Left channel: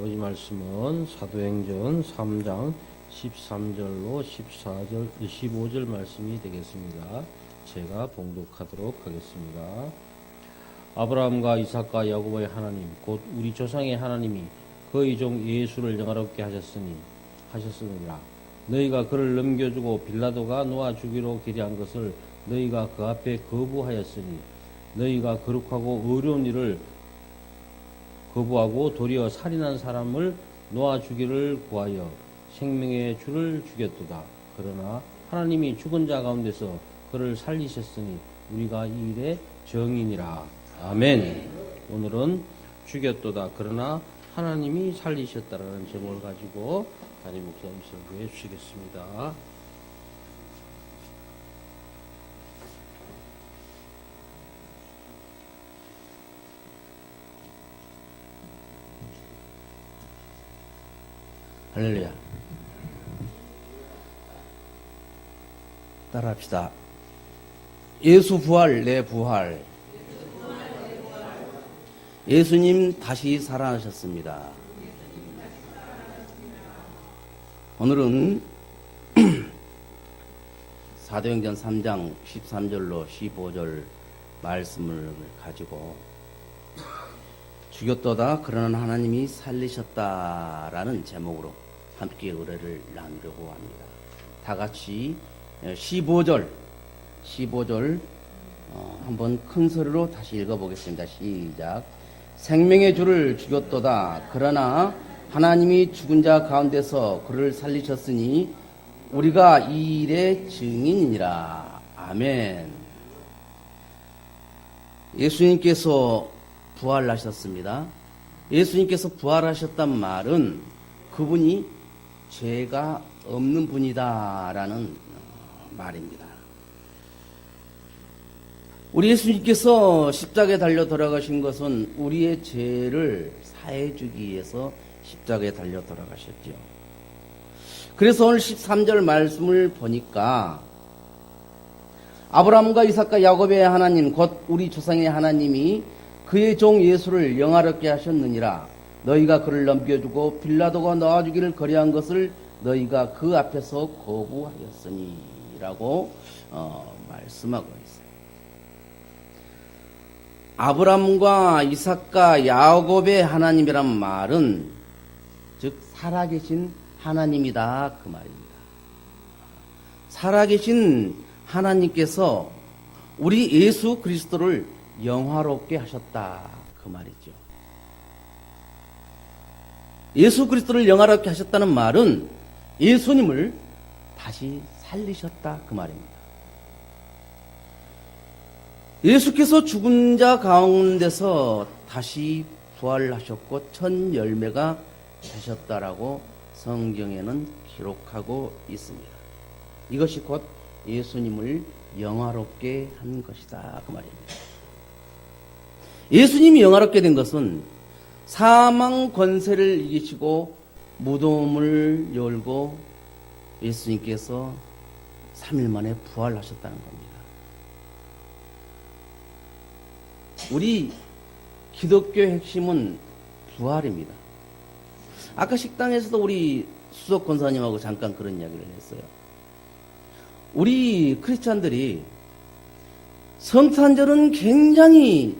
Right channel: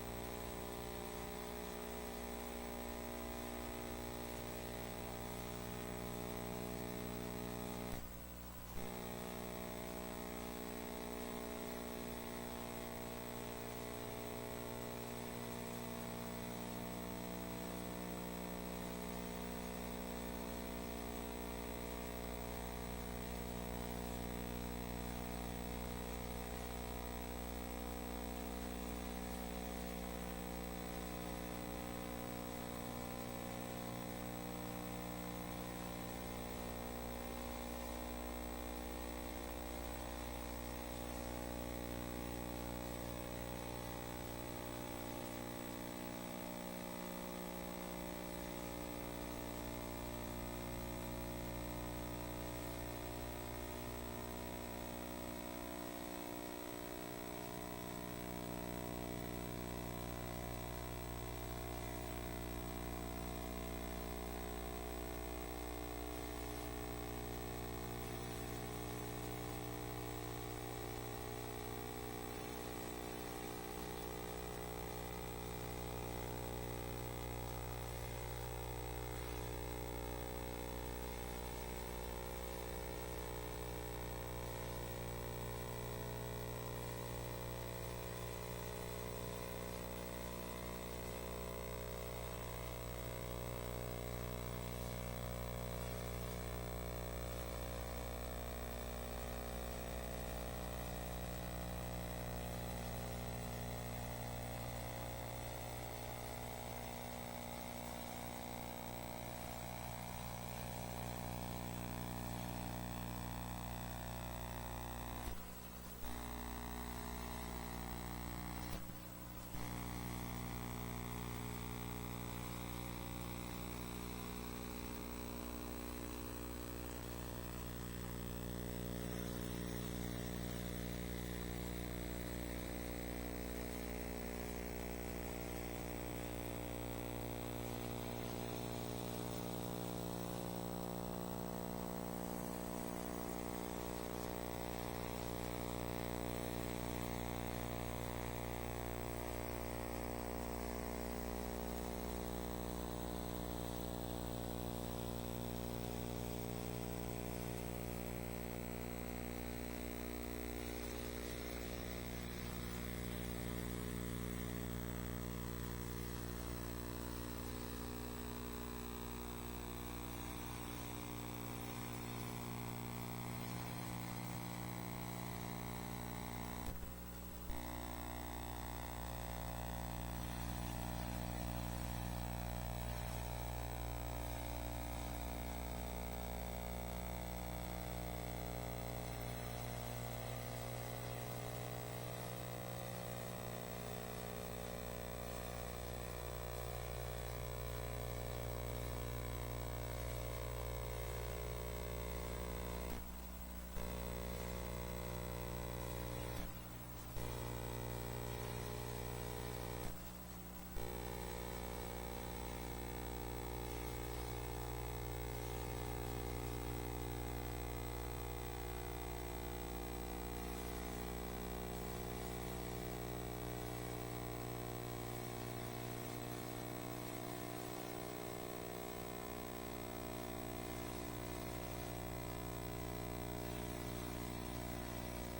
아버지 말씀은 사도행전 3장 13절로 14절, 25절 말씀이 되겠습니다. 제가 봉독하도록 하겠습니다. 아브라함과 이삭과 야곱의 하나님 곧 우리 조상의 하나님이 그의 종 예수를 영화롭게 하셨으니라. 너희가 그를 넘겨주고 빌라도가 놓아 주기로 기대한 것을 너희가 그 앞에 거부하였으니 너희가 거룩하고 어려운 일을 거부하고 도리어 살인한 사람을 놓아 주기를 구하여 생명의 주를 죽였도다. 그러나 하나님이 죽은 자 가운데서 그를 살리셨으니 우리가 이 일의 증인이라. 아멘. 오늘은 죽였도다. 그러나 하나님이 살리셨다라는 제목을 가지고 하나님께 감사를 해주시겠습니다. 할렐루야. 따라합시다. 예수 부활, 내 부활. 예수님 다시 살아나셨습니다. 오늘은 사도행전 3장 13절로 15절 말씀을 가지고 죽였도다 그러나 하나님이 살리셨다라는 제목으로 함께 의뢰를 나누려고 합니다. 다 같이 15절 한번 큰 소리로 다시 읽어보겠습니다. 시작. 생명의 주를 죽였도다 그러나 하나님이 죽은 자 가운데서 그를 살리셨으니 우리가 이 일의 증인이라. 아멘. 예수님께서 부활하셨습니다. 예수님께서 부활하셨단 말은 그분이 죄가 없는 분이다라는 말입니다. 우리 예수님께서 십자가에 달려 돌아가신 것은 우리의 죄를 사해주기 위해서 십자가에 달려 돌아가셨죠. 그래서 오늘 13절 말씀을 보니까 아브라함과 이삭과 야곱의 하나님 곧 우리 조상의 하나님이 그의 종 예수를 영화롭게 하셨느니라. 너희가 그를 넘겨주고 빌라도가 놓아주기를 거래한 것을 너희가 그 앞에서 거부하였으니 라고 말씀하고 있습니다. 아브라함과 이삭과 야곱의 하나님이란 말은 즉 살아계신 하나님이다 그 말입니다. 살아계신 하나님께서 우리 예수 그리스도를 영화롭게 하셨다 그 말이죠. 예수 그리스도를 영화롭게 하셨다는 말은 예수님을 다시 살리셨다 그 말입니다. 예수께서 죽은 자 가운데서 다시 부활하셨고 첫 열매가 되셨다라고 성경에는 기록하고 있습니다. 이것이 곧 예수님을 영화롭게 한 것이다 그 말입니다. 예수님이 영화롭게 된 것은 사망 권세를 이기시고 무덤을 열고 예수님께서 3일 만에 부활하셨다는 겁니다. 우리 기독교의 핵심은 부활입니다. 아까 식당에서도 우리 수석 권사님하고 잠깐 그런 이야기를 했어요. 우리 크리스찬들이 성탄절은 굉장히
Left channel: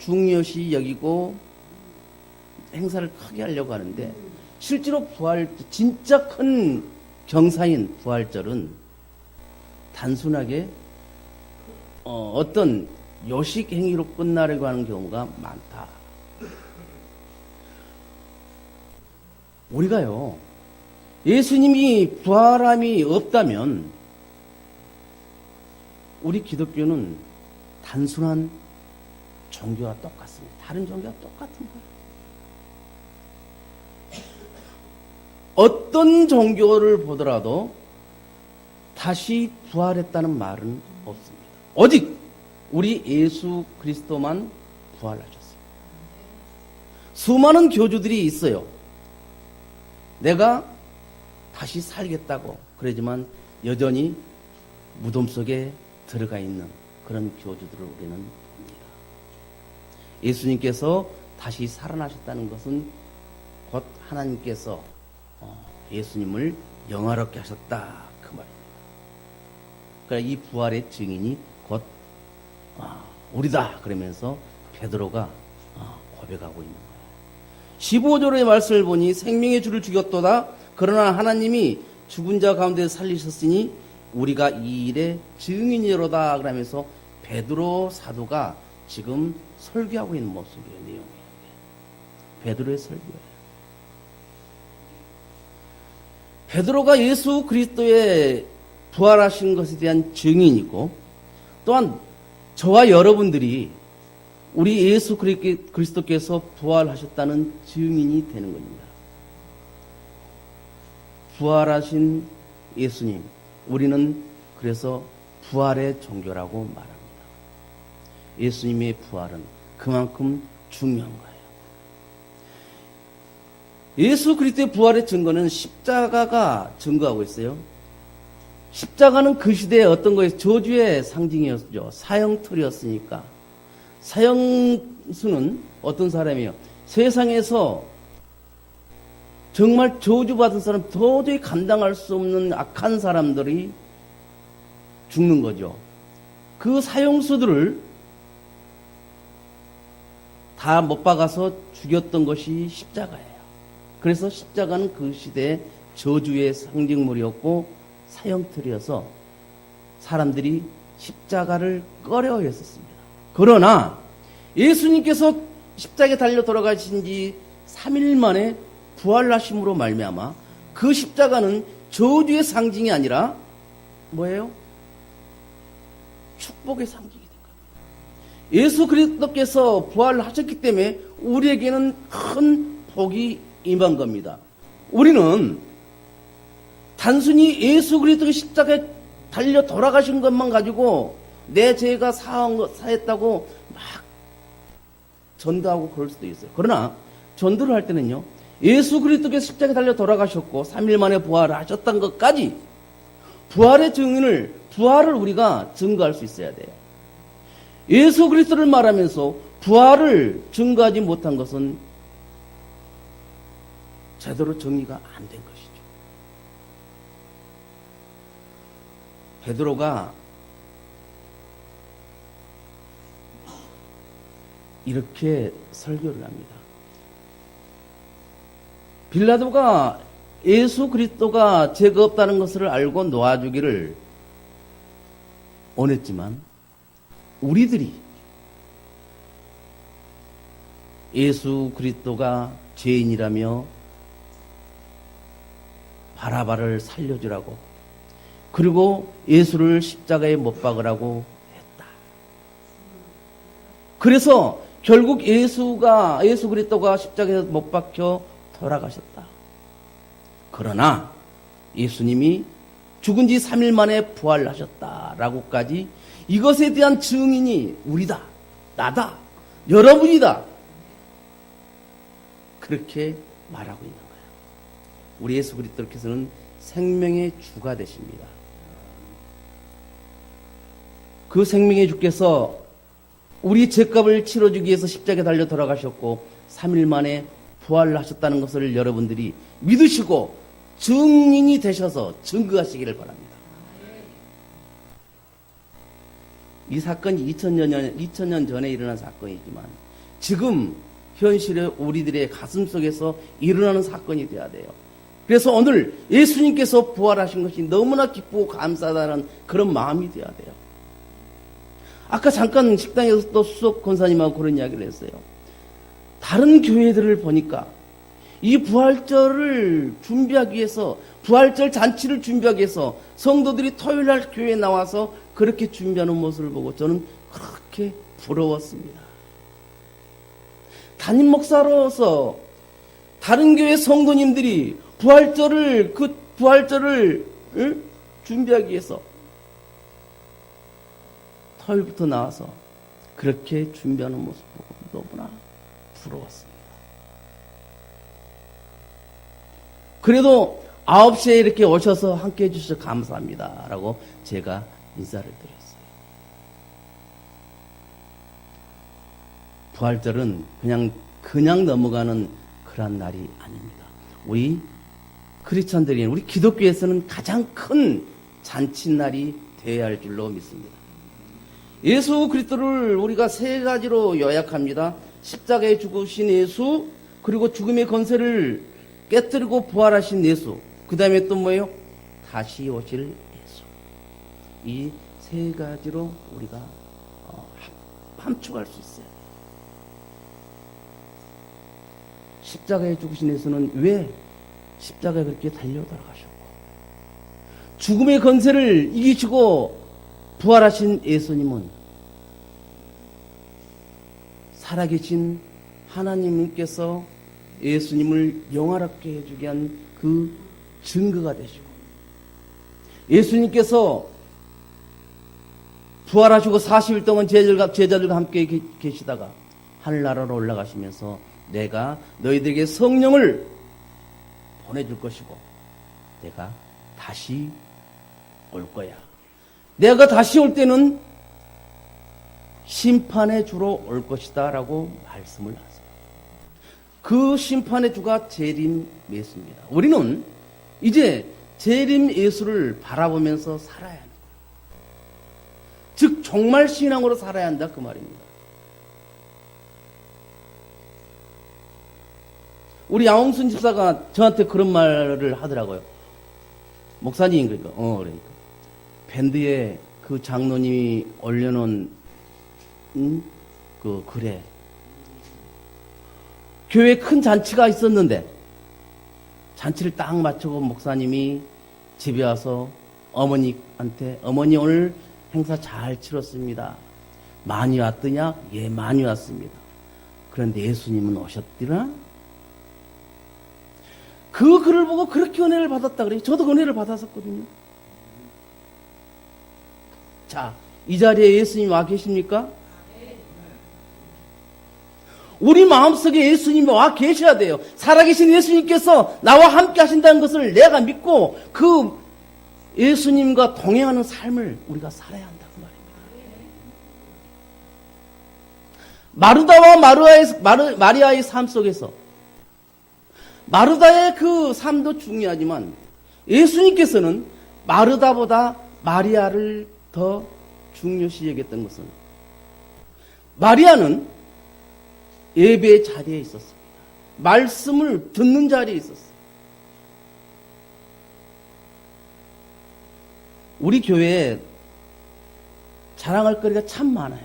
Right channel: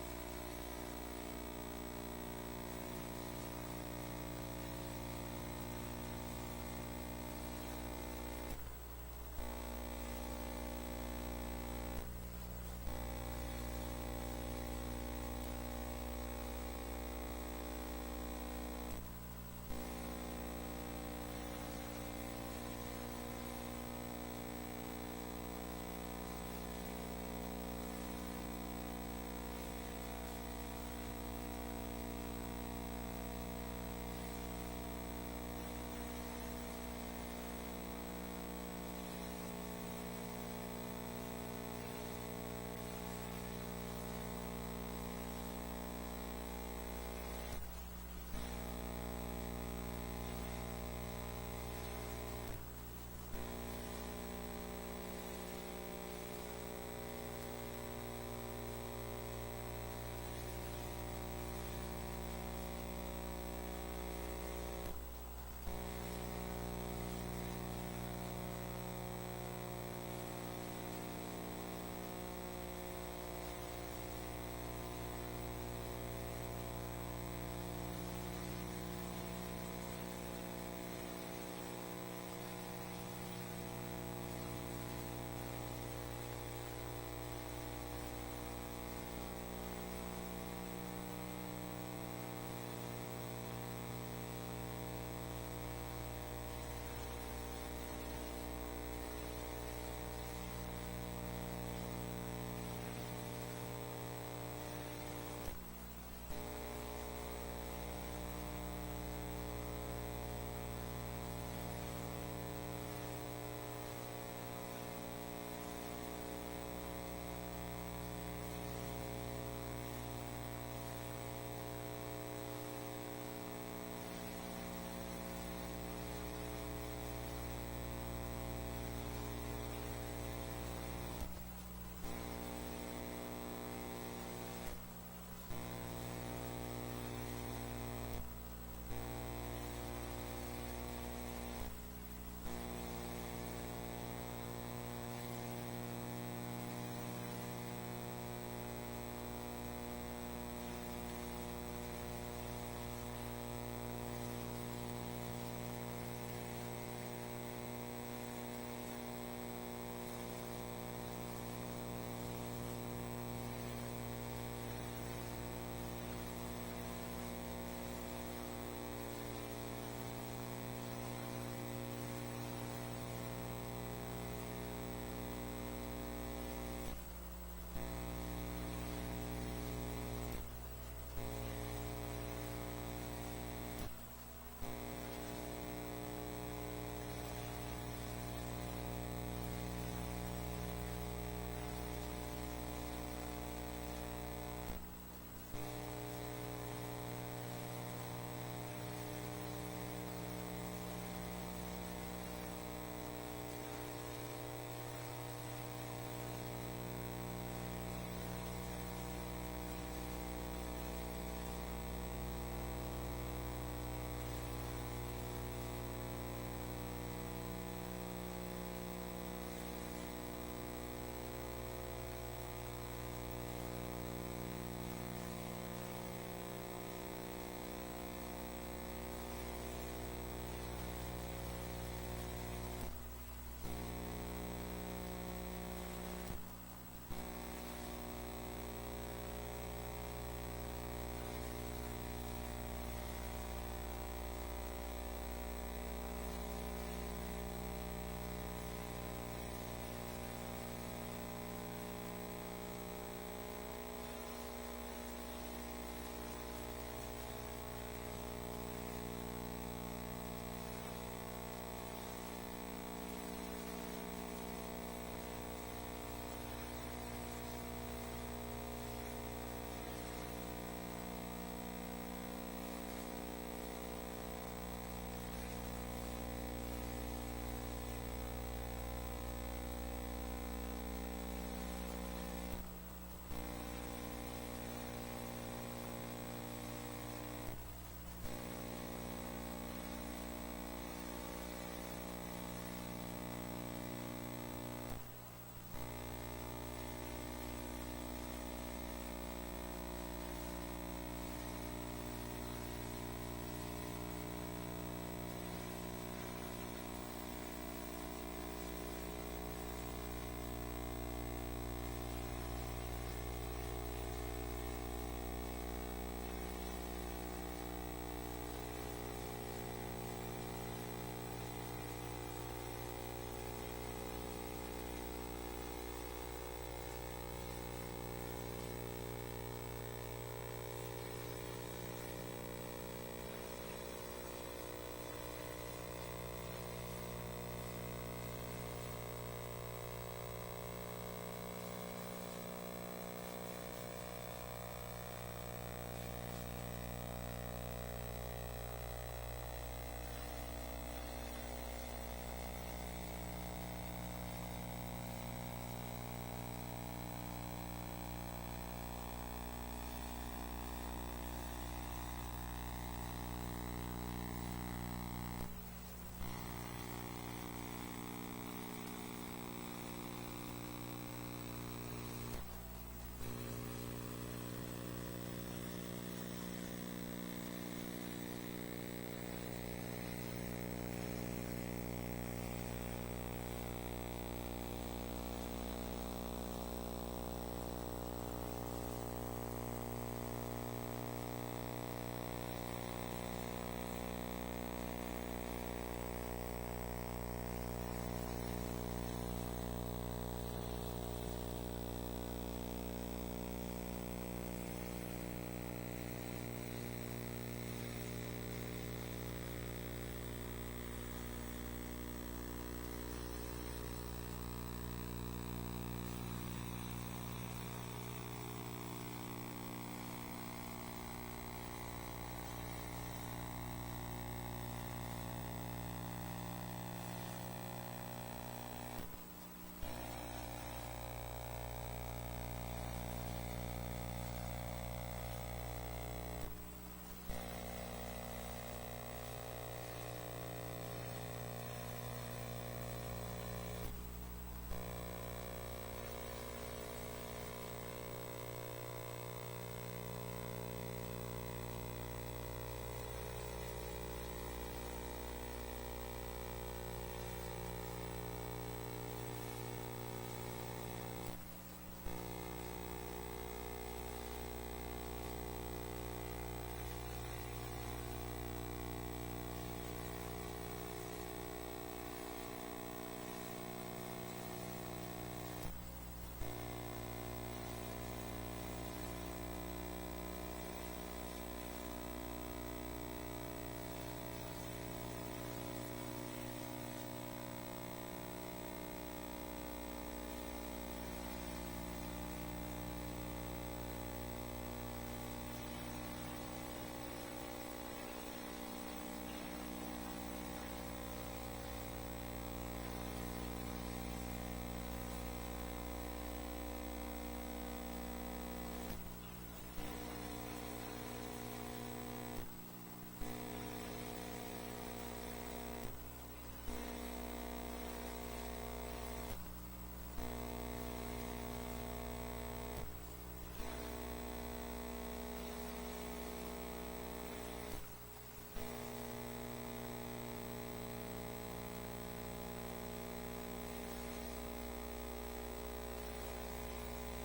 중요시 여기고 행사를 크게 하려고 하는데 실제로 부활 진짜 큰 경사인 부활절은 단순하게 어떤 요식 행위로 끝나려고 하는 경우가 많다. 우리가요 예수님이 부활함이 없다면 우리 기독교는 단순한 종교와 똑같습니다. 다른 종교와 똑같습니다. 어떤 종교를 보더라도 다시 부활했다는 말은 없습니다. 오직 우리 예수 그리스도만 부활하셨습니다. 수많은 교주들이 있어요. 내가 다시 살겠다고 그러지만 여전히 무덤 속에 들어가 있는 그런 교주들을 우리는 예수님께서 다시 살아나셨다는 것은 곧 하나님께서 예수님을 영화롭게 하셨다 그 말입니다. 그러니까 이 부활의 증인이 곧 우리다 그러면서 베드로가 고백하고 있는 거예요. 15절의 말씀을 보니 생명의 주를 죽였도다. 그러나 하나님이 죽은 자 가운데 살리셨으니 우리가 이 일의 증인이로다 그러면서 베드로 사도가 지금 설교하고 있는 모습이에요. 베드로의 설교. 베드로가 예수 그리스도의 부활하신 것에 대한 증인이고, 또한 저와 여러분들이 우리 예수 그리스도께서 부활하셨다는 증인이 되는 겁니다. 부활하신 예수님, 우리는 그래서 부활의 종교라고 말합니다. 예수님의 부활은 그만큼 중요한 거예요. 예수 그리스도의 부활의 증거는 십자가가 증거하고 있어요. 십자가는 그 시대에 어떤 거예요? 저주의 상징이었죠. 사형틀이었으니까. 사형수는 어떤 사람이에요? 세상에서 정말 저주받은 사람, 도저히 감당할 수 없는 악한 사람들이 죽는 거죠. 그 사형수들을 다 못 박아서 죽였던 것이 십자가예요. 그래서 십자가는 그 시대의 저주의 상징물이었고 사형틀이어서 사람들이 십자가를 꺼려했었습니다. 그러나 예수님께서 십자가에 달려 돌아가신 지 3일 만에 부활하심으로 말미암아 그 십자가는 저주의 상징이 아니라 뭐예요? 축복의 상징이다. 예수 그리스도께서 부활하셨기 때문에 우리에게는 큰 복이 임한 겁니다. 우리는 단순히 예수 그리스도의 십자가에 달려 돌아가신 것만 가지고 내 죄가 사했다고 막 전도하고 그럴 수도 있어요. 그러나 전도를 할 때는요, 예수 그리스도께서 십자가에 달려 돌아가셨고 3일 만에 부활을 하셨다는 것까지 부활의 증인을, 부활을 우리가 증거할 수 있어야 돼요. 예수 그리스도를 말하면서 부활을 증거하지 못한 것은 제대로 정리가 안 된 것이죠. 베드로가 이렇게 설교를 합니다. 빌라도가 예수 그리스도가 죄가 없다는 것을 알고 놓아주기를 원했지만 우리들이 예수 그리스도가 죄인이라며 바라바를 살려주라고, 그리고 예수를 십자가에 못 박으라고 했다. 그래서 결국 예수 그리스도가 십자가에 못 박혀 돌아가셨다. 그러나 예수님이 죽은 지 3일 만에 부활하셨다라고까지, 이것에 대한 증인이 우리다, 나다, 여러분이다, 그렇게 말하고 있는 거예요. 우리 예수 그리스도께서는 생명의 주가 되십니다. 그 생명의 주께서 우리 죄값을 치러주기 위해서 십자가에 달려 돌아가셨고 3일 만에 부활하셨다는 것을 여러분들이 믿으시고 증인이 되셔서 증거하시기를 바랍니다. 이 사건이 2000년 전에 일어난 사건이지만 지금 현실의 우리들의 가슴 속에서 일어나는 사건이 되어야 돼요. 그래서 오늘 예수님께서 부활하신 것이 너무나 기쁘고 감사하다는 그런 마음이 되어야 돼요. 아까 잠깐 식당에서 또 수석 권사님하고 그런 이야기를 했어요. 다른 교회들을 보니까 이 부활절을 준비하기 위해서, 부활절 잔치를 준비하기 위해서 성도들이 토요일날 교회에 나와서 그렇게 준비하는 모습을 보고 저는 그렇게 부러웠습니다. 담임 목사로서 다른 교회 성도님들이 부활절을 준비하기 위해서 토요일부터 나와서 그렇게 준비하는 모습 보고 너무나 부러웠습니다. 그래도 9시에 이렇게 오셔서 함께 해주셔서 감사합니다 라고 제가 인사를 드렸어요. 부활절은 그냥 넘어가는 그런 날이 아닙니다. 우리 크리스천들이, 우리 기독교에서는 가장 큰 잔칫날이 되어야 할 줄로 믿습니다. 예수 그리스도를 우리가 세 가지로 요약합니다. 십자가에 죽으신 예수, 그리고 죽음의 권세를 깨뜨리고 부활하신 예수, 그 다음에 또 뭐예요? 다시 오실 예수. 이 세 가지로 우리가 함축할 수 있어요. 십자가에 죽으신 예수는 왜 십자가에 그렇게 달려 돌아가셨고, 죽음의 권세를 이기시고 부활하신 예수님은 살아계신 하나님께서 예수님을 영화롭게 해주게 한 그 증거가 되시고, 예수님께서 부활하시고 40일 동안 제자들과 함께 계시다가 하늘나라로 올라가시면서 내가 너희들에게 성령을 보내줄 것이고 내가 다시 올 거야. 내가 다시 올 때는 심판의 주로 올 것이다 라고 말씀을 하세요. 그 심판의 주가 재림 예수입니다. 우리는 이제 재림 예수를 바라보면서 살아야 합니다. 즉 정말 신앙으로 살아야 한다 그 말입니다. 우리 양홍순 집사가 저한테 그런 말을 하더라고요. 목사님, 그래. 밴드에 그 장로님이 올려놓은 그 글에 교회에 큰 잔치가 있었는데 잔치를 딱 마치고 목사님이 집에 와서 어머니한테 어머니 오늘 행사 잘 치렀습니다. 많이 왔더냐? 예, 많이 왔습니다. 그런데 예수님은 오셨더라? 그 글을 보고 그렇게 은혜를 받았다 그래요. 저도 은혜를 받았었거든요. 자, 이 자리에 예수님 와 계십니까? 우리 마음속에 예수님이 와 계셔야 돼요. 살아계신 예수님께서 나와 함께 하신다는 것을 내가 믿고 그 예수님과 동행하는 삶을 우리가 살아야 한다고 말이에요. 마르다와 마리아의 삶 속에서 마르다의 그 삶도 중요하지만 예수님께서는 마르다보다 마리아를 더 중요시 여겼던 것은, 마리아는 예배의 자리에 있었어요. 말씀을 듣는 자리에 있었어요. 우리 교회에 자랑할 거리가 참 많아요.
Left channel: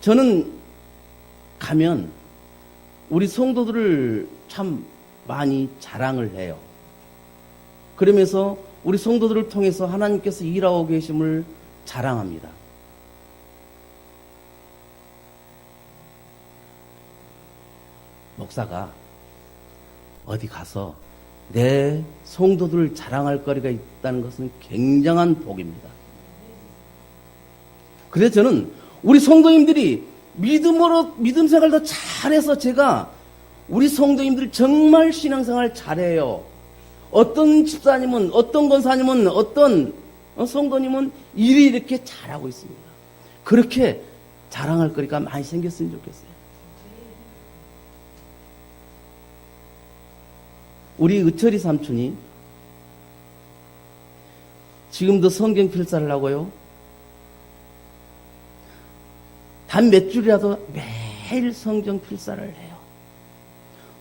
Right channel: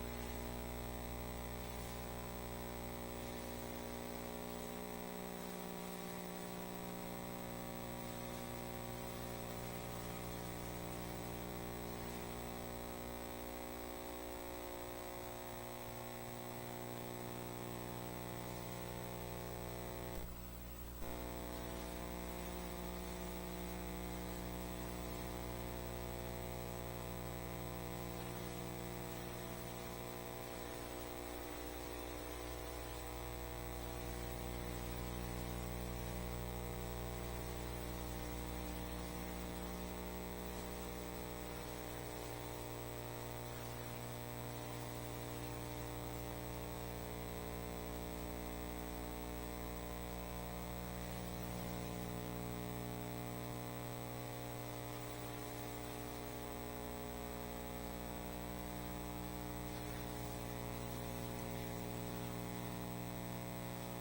저는 가면 우리 성도들을 참 많이 자랑을 해요. 그러면서 우리 성도들을 통해서 하나님께서 일하고 계심을 자랑합니다. 목사가 어디 가서 내 성도들을 자랑할 거리가 있다는 것은 굉장한 복입니다. 그래서 저는 우리 성도님들이 믿음 생활 더 잘해서 제가 우리 성도님들 정말 신앙생활 잘해요. 어떤 집사님은, 어떤 권사님은, 어떤 성도님은 일이 이렇게 잘하고 있습니다. 그렇게 자랑할 거리가 많이 생겼으면 좋겠어요. 우리 의철이 삼촌이 지금도 성경 필사를 하고요. 단 몇 줄이라도 매일 성경 필사를 해요.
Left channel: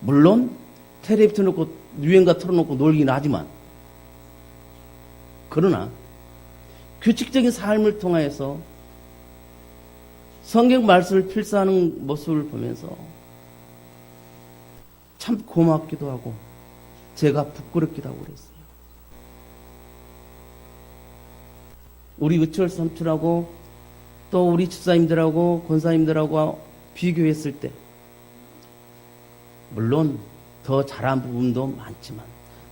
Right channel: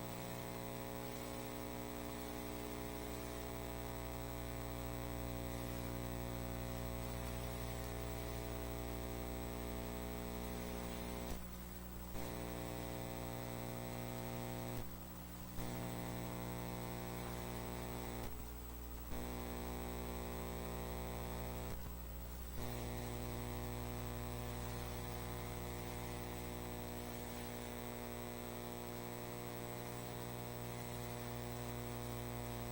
물론 텔레비 틀어놓고 유행가 틀어놓고 놀긴 하지만, 그러나 규칙적인 삶을 통해서 성경 말씀을 필사하는 모습을 보면서 참 고맙기도 하고 제가 부끄럽기도 하고 그랬어요. 우리 의철 삼촌하고 또 우리 집사님들하고 권사님들하고 비교했을 때 물론 더 잘한 부분도 많지만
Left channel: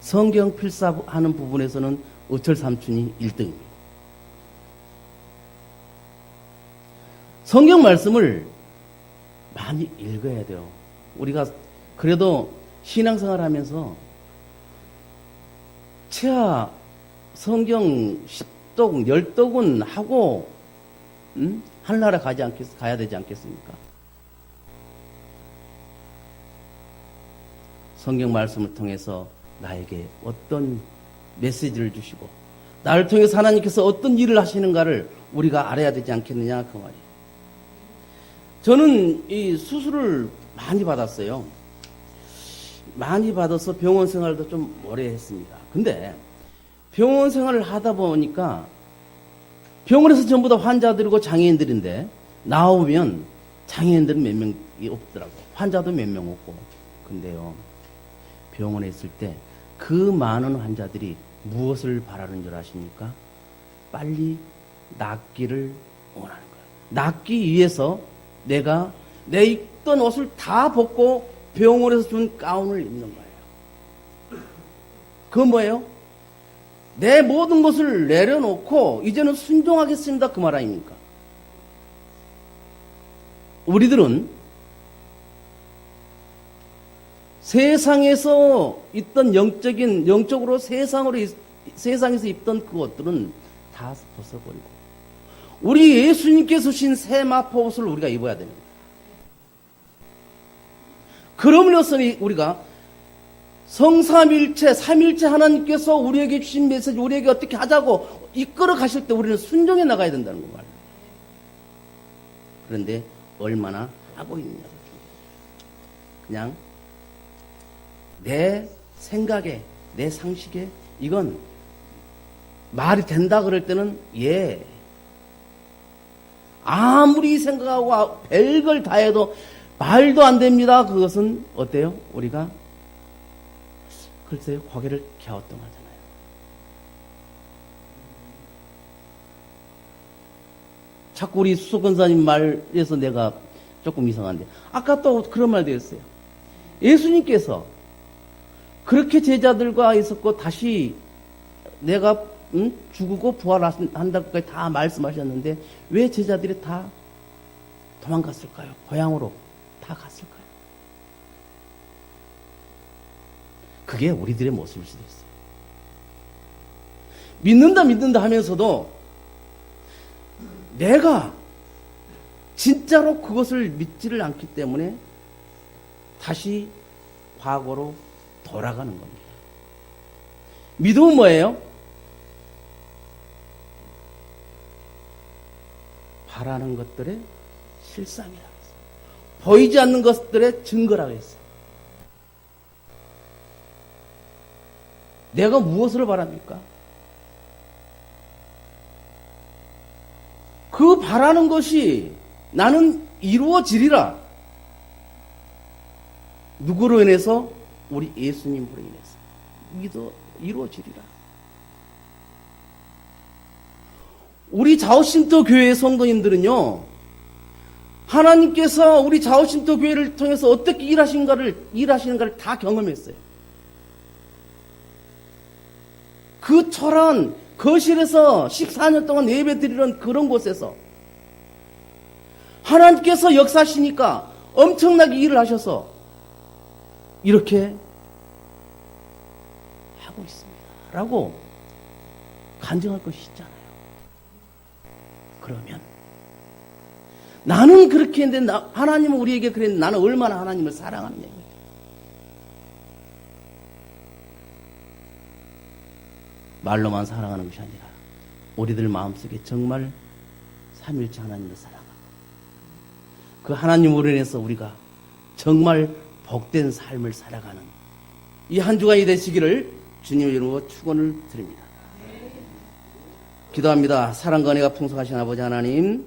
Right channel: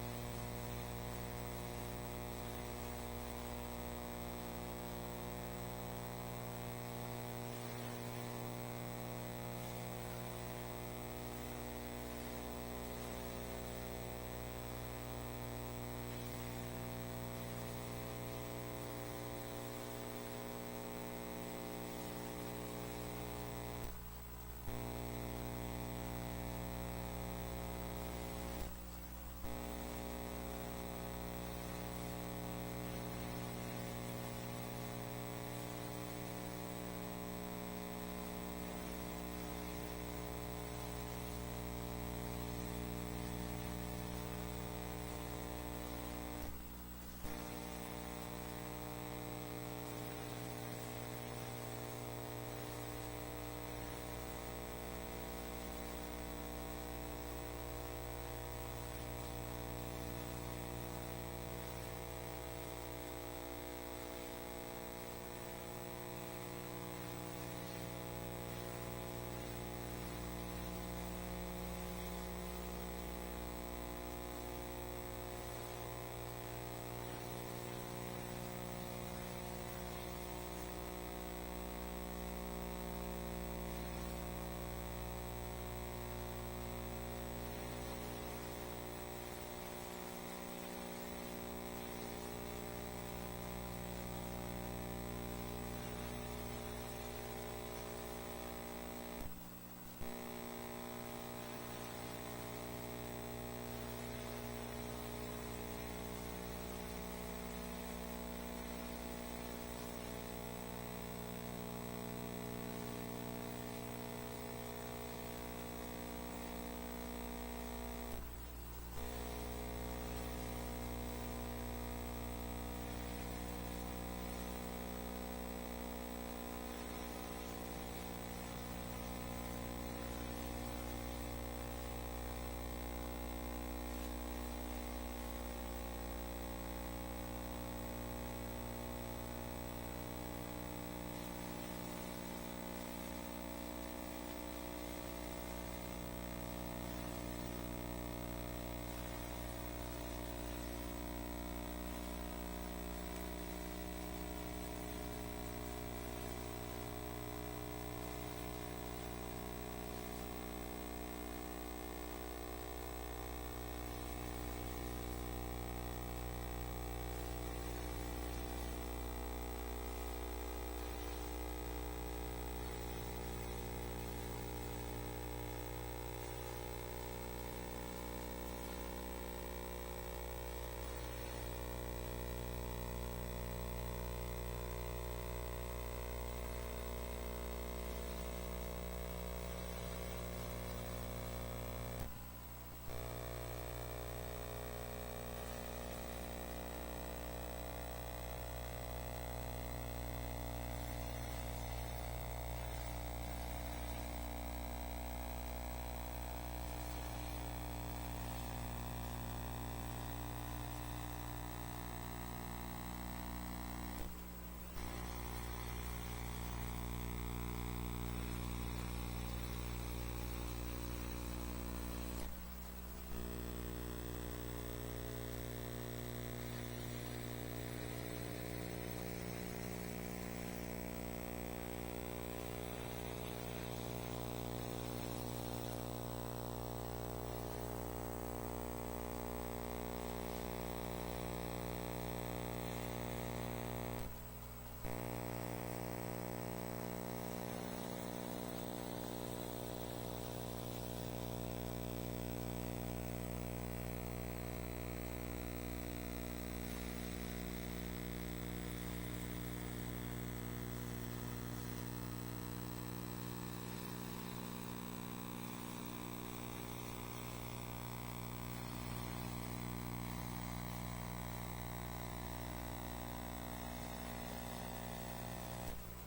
성경 필사하는 부분에서는 의철 삼촌이 1등입니다. 성경 말씀을 많이 읽어야 돼요. 우리가 그래도 신앙생활 하면서 최하 성경 10독, 10독은 하고 하늘나라 가야 되지 않겠습니까? 성경 말씀을 통해서 나에게 어떤 메시지를 주시고 나를 통해서 하나님께서 어떤 일을 하시는가를 우리가 알아야 되지 않겠느냐 그 말이에요. 저는 이 수술을 많이 받았어요. 많이 받아서 병원 생활도 좀 오래 했습니다. 근데 병원 생활을 하다 보니까 병원에서 전부 다 환자들이고 장애인들인데 나오면 장애인들은 몇 명이 없더라고요. 환자도 몇 명 없고. 근데요, 병원에 있을 때 그 많은 환자들이 무엇을 바라는 줄 아십니까? 빨리 낫기를 원하는 거예요. 낫기 위해서 내가 내 입던 옷을 다 벗고 병원에서 준 가운을 입는 거예요. 그건 뭐예요? 내 모든 것을 내려놓고 이제는 순종하겠습니다. 그 말 아닙니까? 우리들은 세상에서 있던 영적으로 세상에서 입던 그것들은 다 벗어버리고 우리 예수님께서 주신 새 마포옷을 우리가 입어야 됩니다. 그럼으로써 우리가 성삼일체, 삼일체 하나님께서 우리에게 주신 메시지, 우리에게 어떻게 하자고 이끌어 가실 때 우리는 순종해 나가야 된다는 거예요. 그런데 얼마나 하고 있느냐. 그냥 내 생각에, 내 상식에 이건 말이 된다 그럴 때는 예. 아무리 생각하고 별걸 다 해도 말도 안 됩니다. 그것은 어때요? 우리가 글쎄요, 고개를 갸우뚱 하잖아요. 자꾸 우리 수석권사님 말에서 내가 조금 이상한데, 아까 또 그런 말도 했어요. 예수님께서 그렇게 제자들과 있었고 다시 내가 죽고 부활한다고까지 다 말씀하셨는데 왜 제자들이 다 도망갔을까요? 고향으로 다 갔을까요? 그게 우리들의 모습일 수도 있어요. 믿는다 하면서도 내가 진짜로 그것을 믿지를 않기 때문에 다시 과거로 돌아가는 겁니다. 믿음은 뭐예요? 바라는 것들의 실상이라고 했어요. 보이지 않는 것들의 증거라고 했어요. 내가 무엇을 바랍니까? 그 바라는 것이 나는 이루어지리라. 누구로 인해서? 우리 예수님으로 인해서. 믿어 이루어지리라. 우리 자오신토 교회의 성도님들은요, 하나님께서 우리 자오신토 교회를 통해서 어떻게 일하시는가를 다 경험했어요. 그 초라한 거실에서 14년 동안 예배 드리는 그런 곳에서 하나님께서 역사하시니까 엄청나게 일을 하셔서 이렇게 하고 있습니다. 라고 간증할 것이 있잖아요. 그러면 나는 그렇게 했는데 하나님은 우리에게 그랬는데 나는 얼마나 하나님을 사랑하느냐. 말로만 사랑하는 것이 아니라 우리들 마음속에 정말 삼일체 하나님을 사랑하는 그 하나님으로 인해서 우리가 정말 복된 삶을 살아가는 이 한 주간이 되시기를 주님의 이름으로 축원을 드립니다. 기도합니다. 사랑과 은혜가 풍성하신 아버지 하나님,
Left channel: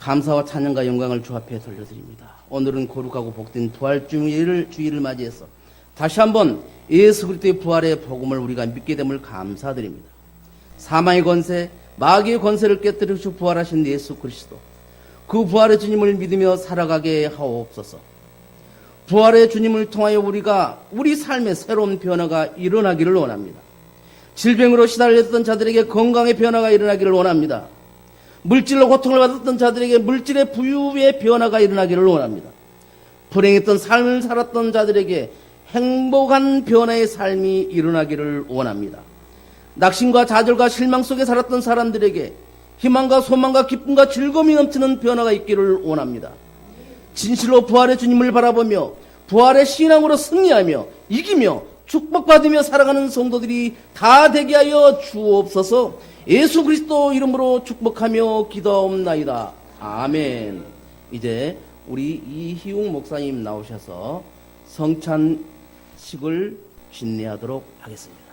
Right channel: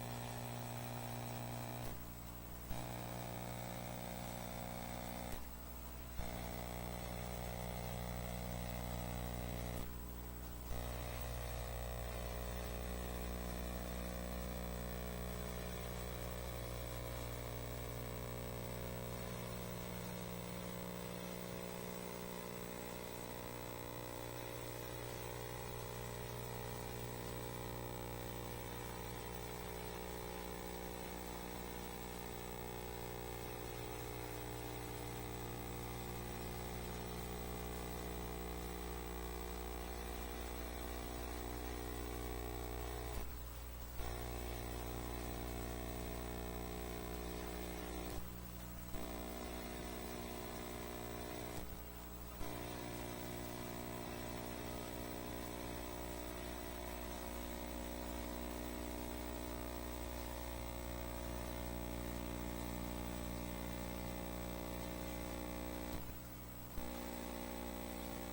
감사와 찬양과 영광을 주 앞에 돌려드립니다. 오늘은 거룩하고 복된 부활주일을 맞이해서 다시 한번 예수 그리스도의 부활의 복음을 우리가 믿게 됨을 감사드립니다. 사망의 권세, 마귀의 권세를 깨뜨리시고 부활하신 예수 그리스도, 그 부활의 주님을 믿으며 살아가게 하옵소서. 부활의 주님을 통하여 우리가 우리 삶의 새로운 변화가 일어나기를 원합니다. 질병으로 시달렸던 자들에게 건강의 변화가 일어나기를 원합니다. 물질로 고통을 받았던 자들에게 물질의 부유의 변화가 일어나기를 원합니다. 불행했던 삶을 살았던 자들에게 행복한 변화의 삶이 일어나기를 원합니다. 낙심과 좌절과 실망 속에 살았던 사람들에게 희망과 소망과 기쁨과 즐거움이 넘치는 변화가 있기를 원합니다. 진실로 부활의 주님을 바라보며 부활의 신앙으로 승리하며 이기며 축복받으며 살아가는 성도들이 다 되게 하여 주옵소서. 예수 그리스도 이름으로 축복하며 기도하옵나이다. 아멘. 이제 우리 이희웅 목사님 나오셔서 성찬식을 진례하도록 하겠습니다.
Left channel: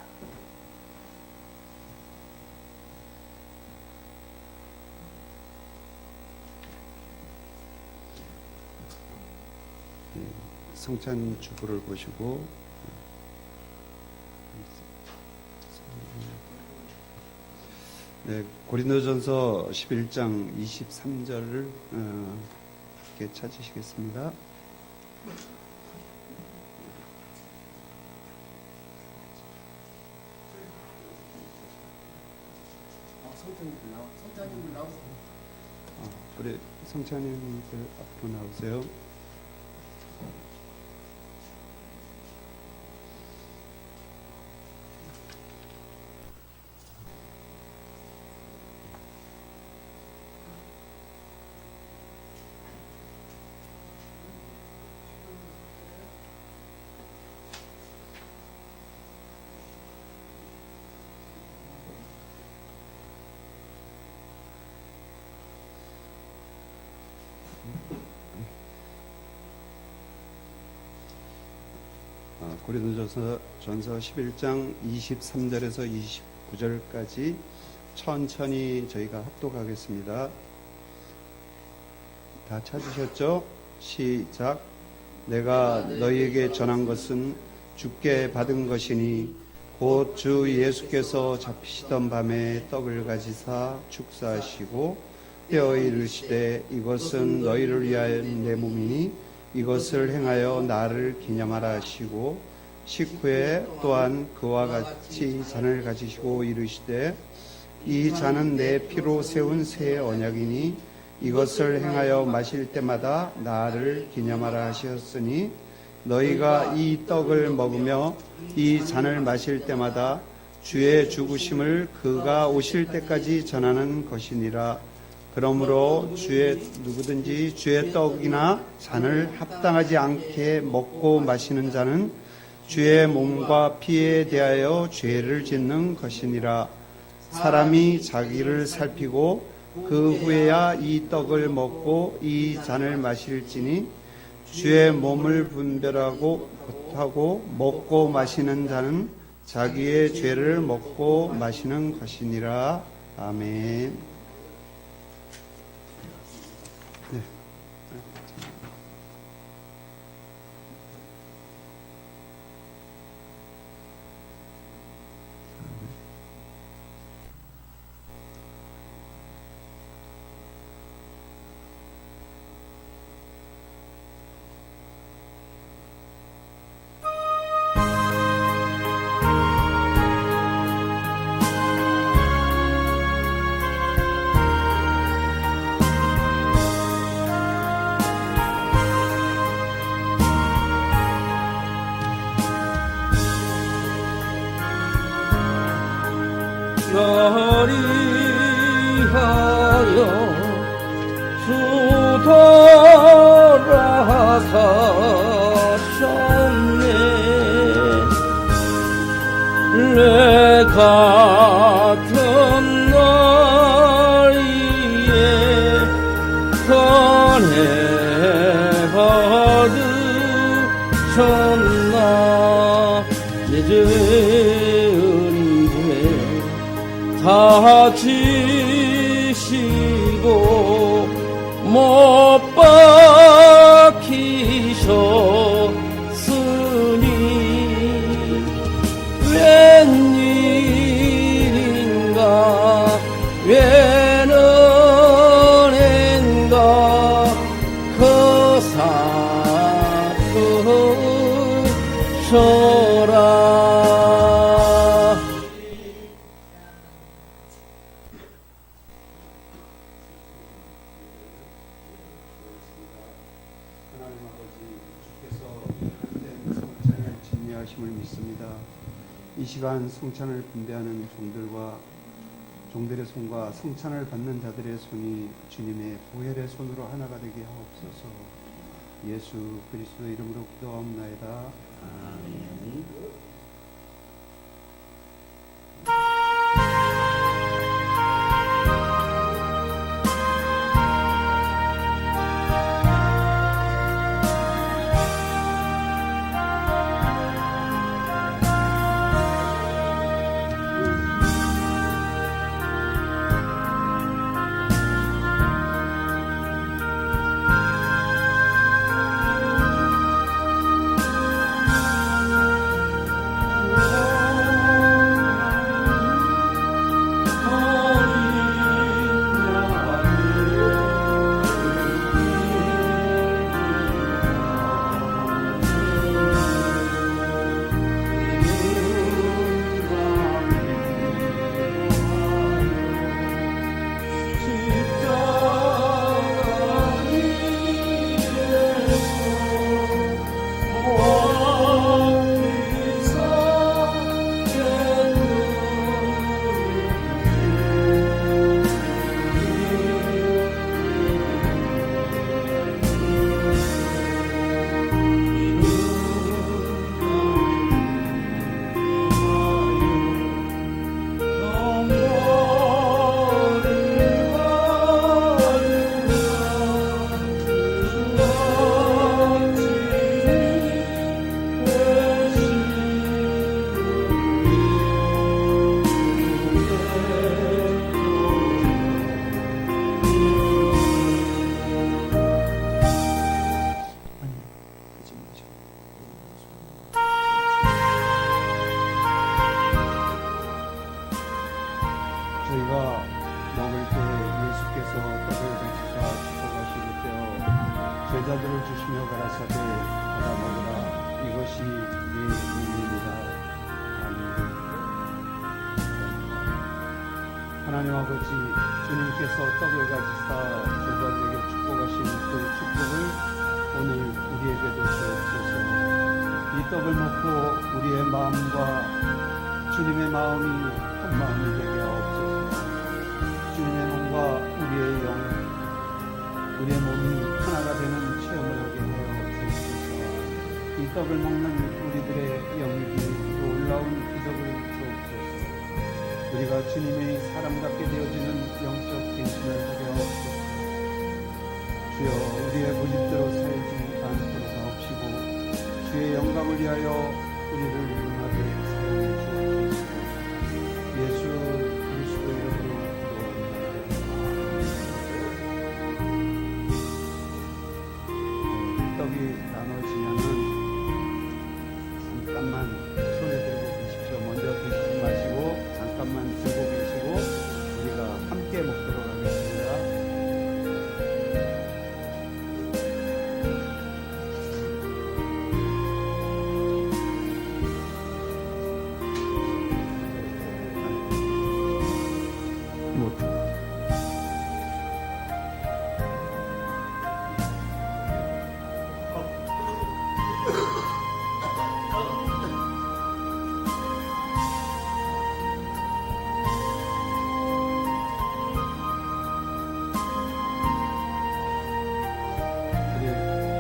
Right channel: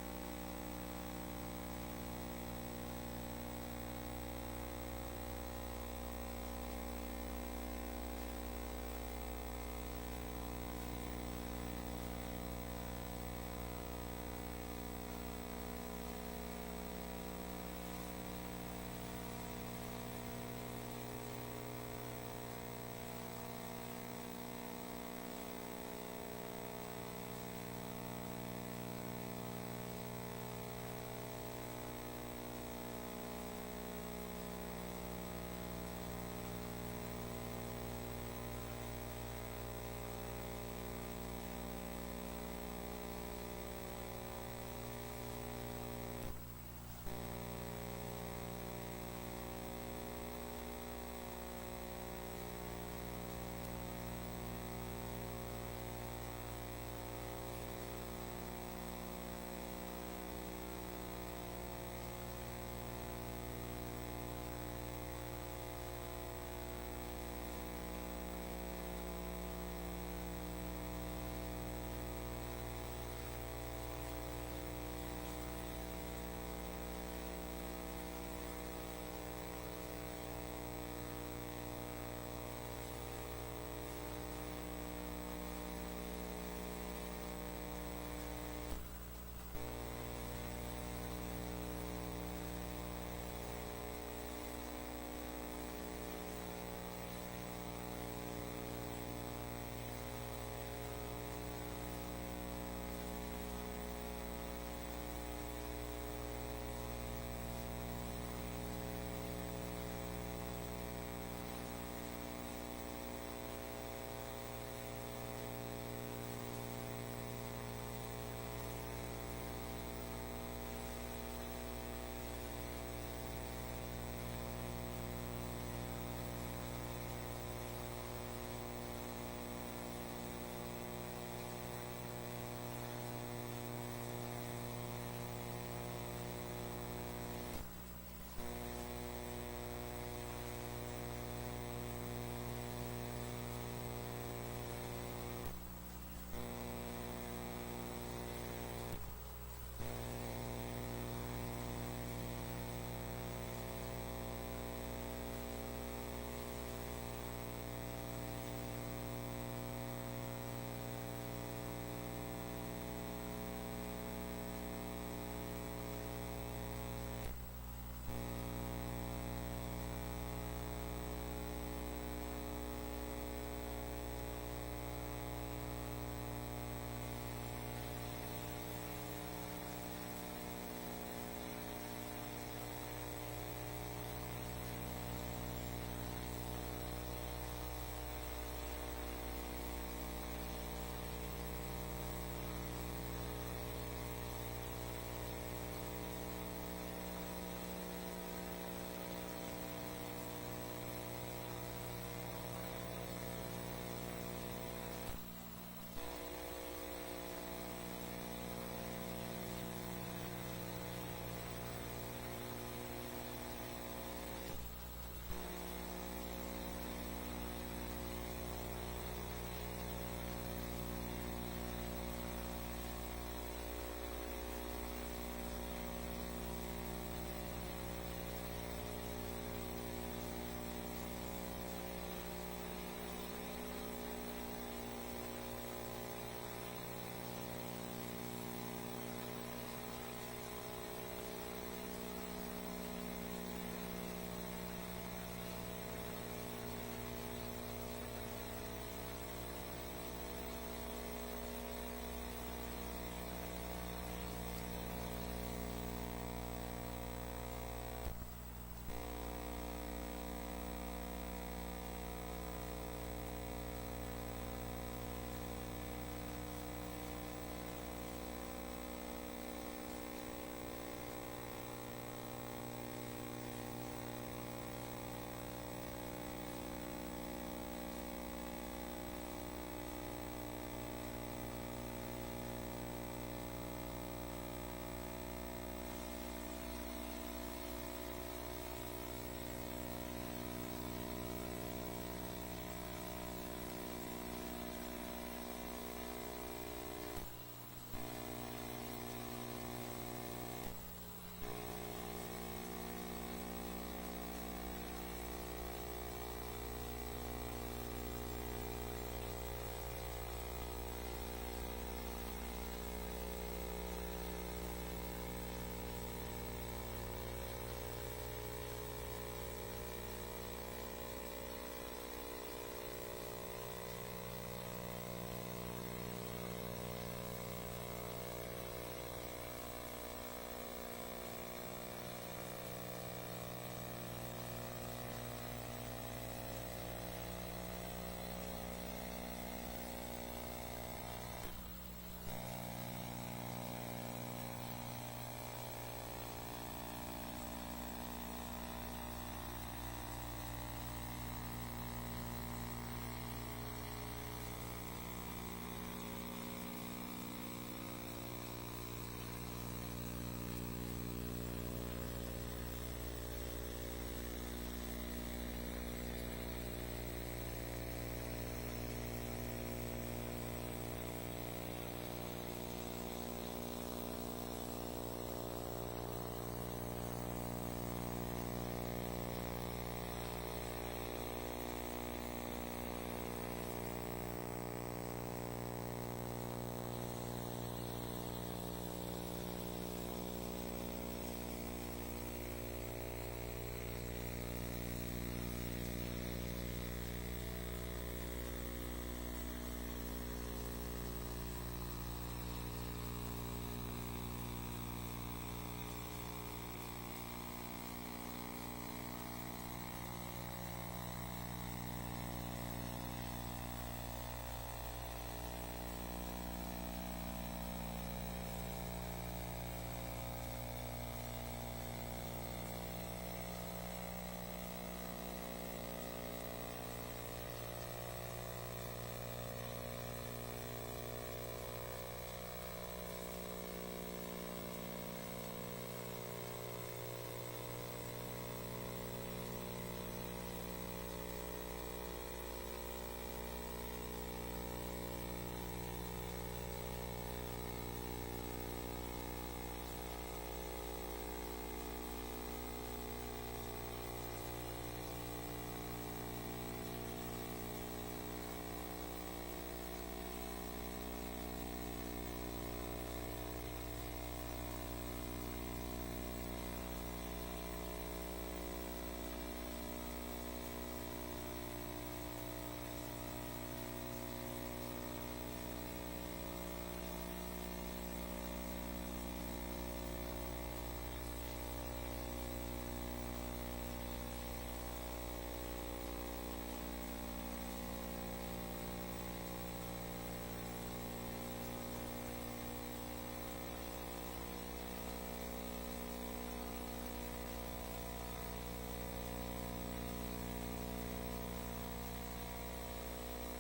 성찬 축구를 보시고 네, 고린도전서 11장 23절을 이렇게 찾으시겠습니다. 그래, 성찬님 앞으로 나오세요. 고린도전서 11장 23절에서 29절까지 천천히 저희가 합독하겠습니다. 다 찾으셨죠? 시작. 내가 너희에게 전한 것은 주께 받은 것이니 곧 주 예수께서 잡히시던 밤에 떡을 가지사 축사하시고 떼어 이르시되 이것은 너희를 위하여 내 몸이니 이것을 행하여 나를 기념하라 하시고 식후에 또한 그와 같이 잔을 가지시고 이르시되 이 잔은 내 피로 세운 새 언약이니 이것을 행하여 마실 때마다 나를 기념하라 하셨으니 너희가 이 떡을 먹으며 이 잔을 마실 때마다 주의 죽으심을 그가 오실 때까지 전하는 것이니라. 그러므로 누구든지 주의 떡이나 잔을 합당하지 않게 먹고 마시는 자는 주의 몸과 피에 대하여 죄를 짓는 것이니라. 사람이 자기를 살피고 그 후에야 이 떡을 먹고 이 잔을 마실지니 주의 몸을 분별하고 하고 먹고 마시는 자는 자기의 죄를 먹고 마시는 것이니라. 아멘. 나를 위하여 주 돌아가셨네. 내 같은 나이에 선해 받으셨나. 내 죄는 다 지시고 못 박히셨으니 웬일인가 웬은인가 그 사프셔라. 이 시간 성찬을 분배하는 종들의 손과 성찬을 받는 자들의 손이 주님의 보혈의 손으로 하나가 되게 하옵소서. 예수 그리스도 이름으로 기도하옵나이다. 아멘. 저희가 먹을 때 예수께서 떡을 주시사 축복하시기 때요 제자들을 주시며 가라사대 받아 먹으라 이것이 내 몸입니다. 아멘. 하나님 아버지 주님께서 떡을 가지사 제자들에게 축복하신 그 축복을 오늘 우리에게도 주옵소서. 이 떡을 먹고 우리의 마음과 주님의 마음이 한 마음이 되게 하옵소서. 주님의 몸과 우리의 영, 우리의 몸이 하나가 되는 체험을 하게 하여 주옵소서. 이 떡을 먹는 우리들의 영기 놀라운 기적을 주옵소서. 우리가 주님의 사람답게 되어지는 영적 대신을 하게 하옵소서. 주여 우리의 고집대로 살지 않도록 하옵시고 주의 영광을 위하여 우리를 용하게 사용해 주옵소서. 예수 그리스도의 이름으로 기도합니다. 떡이 나눠지면은 잠깐만 손에 들고 계십시오. 먼저 드시지 마시고 잠깐만 들고 계시고 우리가 함께 먹도록 하겠습니다.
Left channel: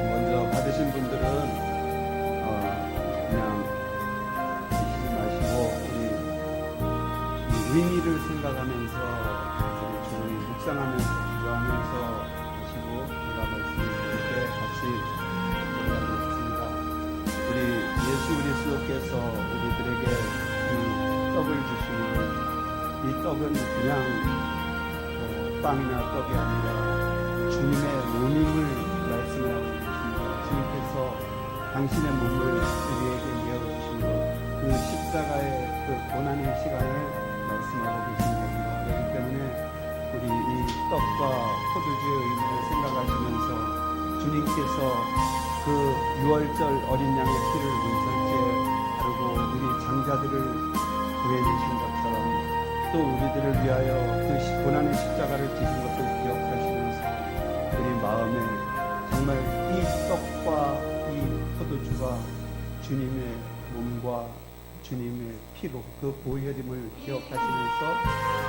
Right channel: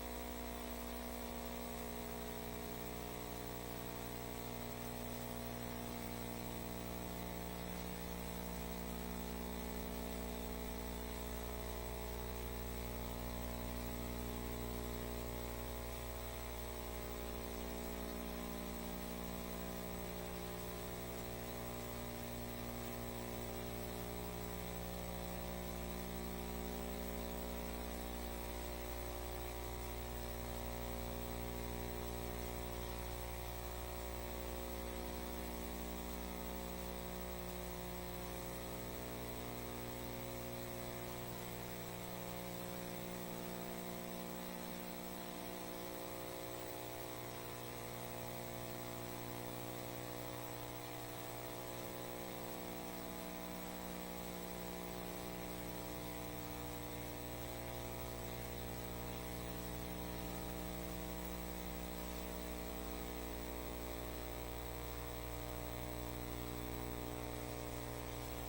먼저 받으신 분들은 그냥 드시지 마시고 이 의미를 생각하면서 조용히 묵상하면서 기도하면서 드시고 제가 말씀드릴 때 같이 기도하겠습니다. 우리 예수 그리스도께서 우리들에게 이 떡을 주시는 이 떡은 그냥 빵이나 떡이 아니라 주님의 몸임을 말씀하고 계십니다. 주님께서 당신의 몸을 우리에게 내어주시고 그 십자가의 그 고난의 시간을 말씀하고 계신 겁니다. 그렇기 때문에 우리 이 떡과 포도주의 의미를 생각하시면서 주님께서 그 6월절 어린 양의 피를 문설주에 바르고 우리 장자들을 구해내신 것처럼 또 우리들을 위하여 그 고난의 십자가를 지신 것을 기억하시면서 우리 마음에 정말 이 떡과 이 포도주가 주님의 몸과 주님의 피로 그 보혈임을 기억하시면서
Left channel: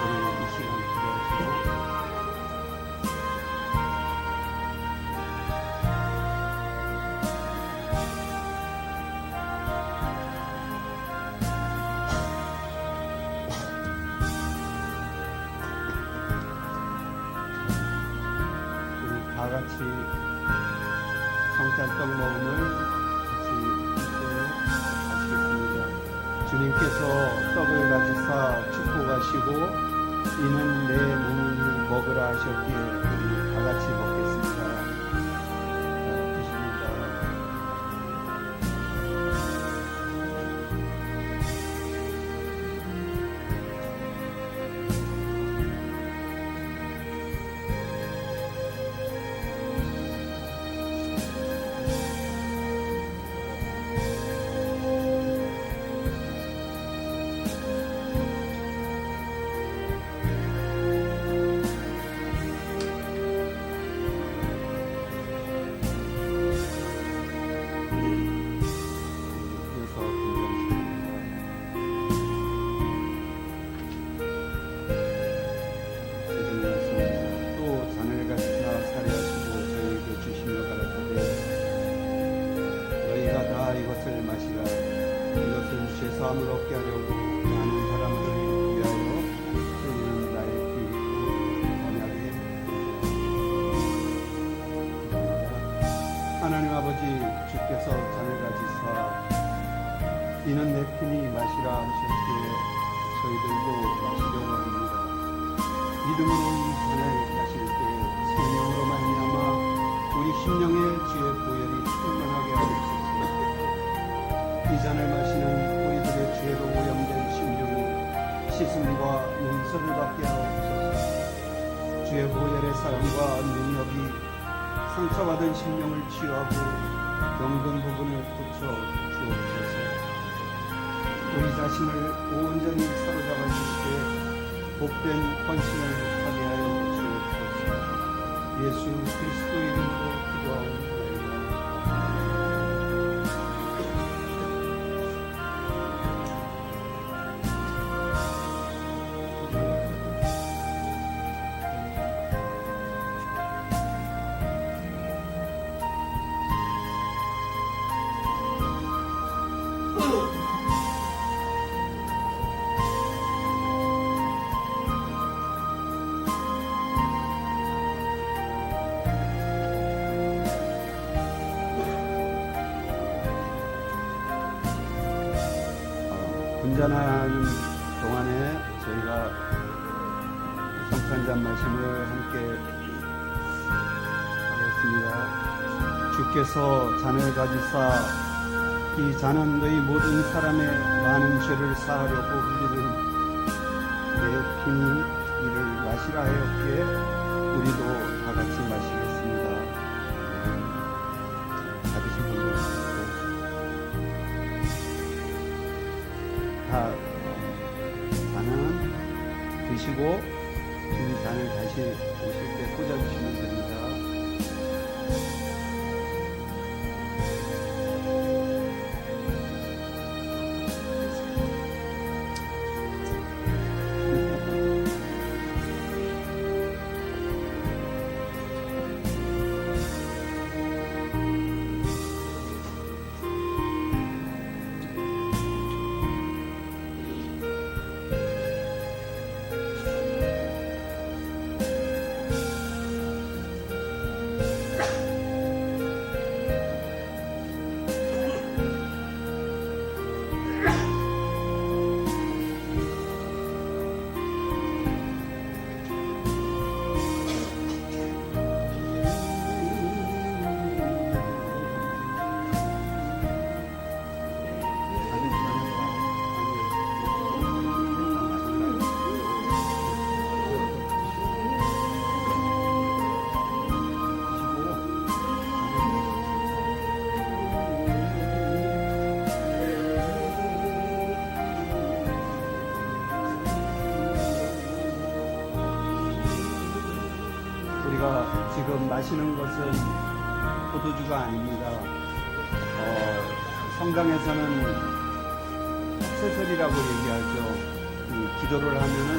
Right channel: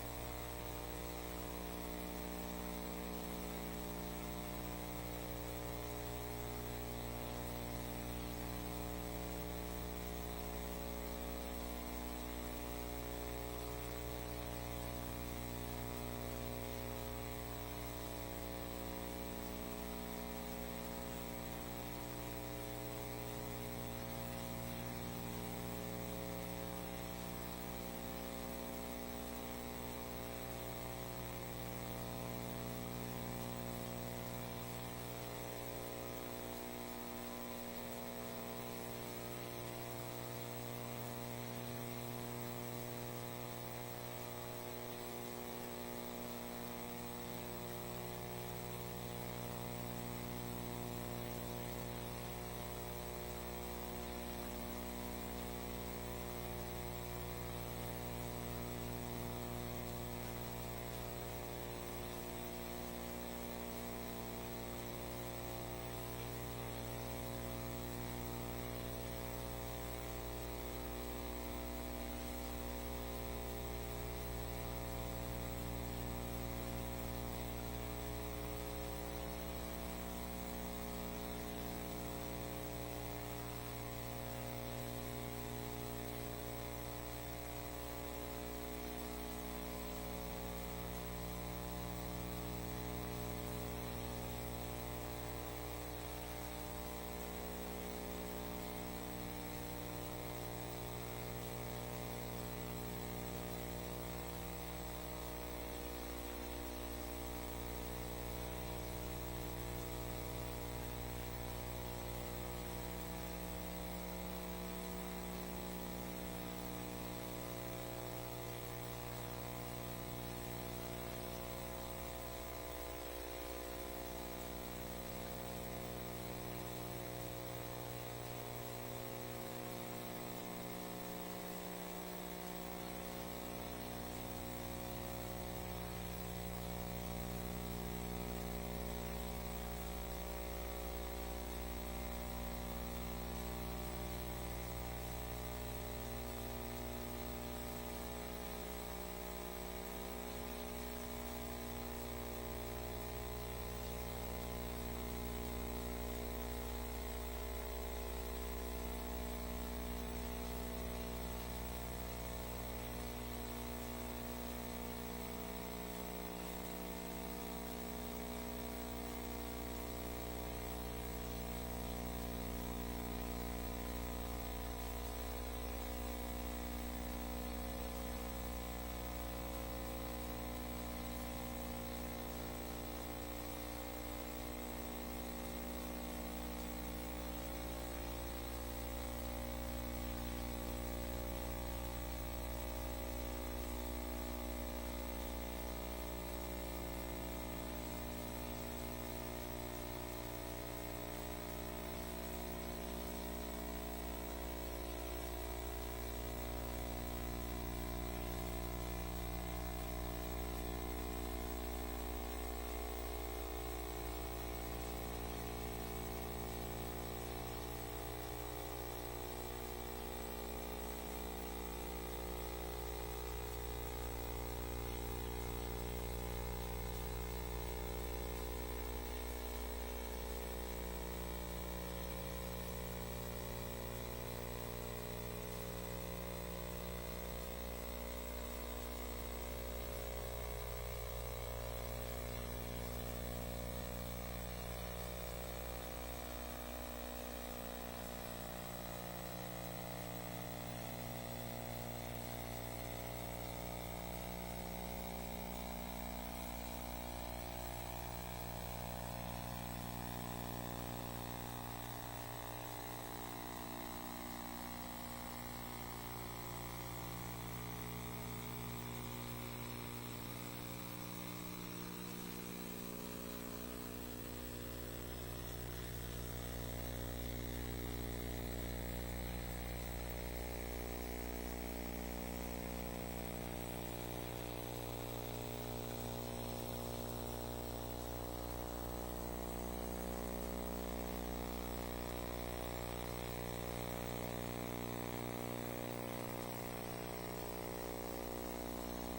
우리 이 시간 기도하시고 주님께서 떡을 가지사 축복하시고 이는 내 몸을 먹으라 하셨기에 우리 다 같이 먹겠습니다. 드십니다. 마음을 얻게 하려고 많은 사람들을 위하여 흘리는 나의 피로 언약의 하나님 아버지 주께서 잔을 가지사 이는 내 피니 마시라 하셨기에 저희들도 마시려고 합니다. 믿음으로 이 잔을 마실 때 생명으로 말미암아 우리 심령의 주의 보혈이 충만하게 하옵소서. 이 잔을 마시는 우리들의 죄로 오염된 심령이 씻음과 용서를 받게 하옵소서. 주의 보혈의 사용과 능력이 상처받은 심령을 치유하고 병든 부분을 고쳐 주옵소서. 우리 자신을 온전히 사로잡아 주시되 복된 헌신을 하게 하여 주옵소서. 예수 그리스도 이름으로 기도하옵소서. 분전하는 동안에 저희가 성찬잔 말씀을 함께 하겠습니다. 주께서 잔을 가지사 이 잔은 너희 모든 사람의 많은 죄를 사하려고 흘리는 내 피니 이를 마시라 하였기에 우리도 다 같이 마시겠습니다. 받으신 분들 다 잔은 드시고 이 잔을 다시 오실 때 꽂아주시면 됩니다. 지금 마시는 것은 포도주가 아닙니다. 성당에서는 세설이라고 얘기하죠. 기도를 하면은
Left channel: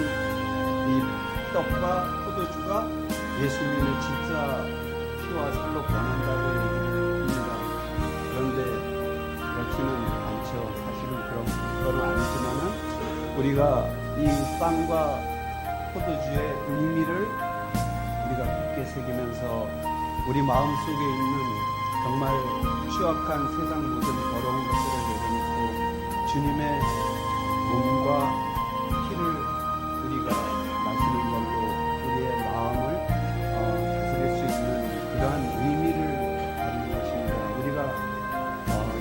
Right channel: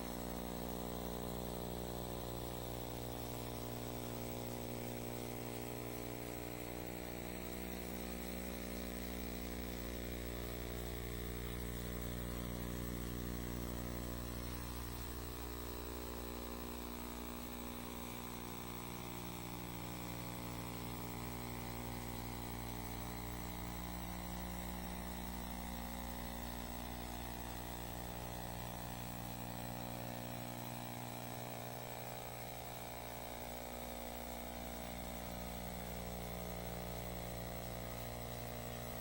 이 떡과 포도주가 예수님의 진짜 피와 살로 변한다고 얘기합니다. 그런데 그렇지는 않죠. 사실은 그런 건 아니지만은 우리가 이 빵과 포도주의 의미를 우리가 깊게 새기면서 우리 마음속에 있는 정말 추악한 세상 모든 더러운 것들을 내려놓고 주님의 피를 우리가 마시는 걸로 우리의 마음을 다스릴 수 있는 그러한 의미를 가진 것입니다. 우리가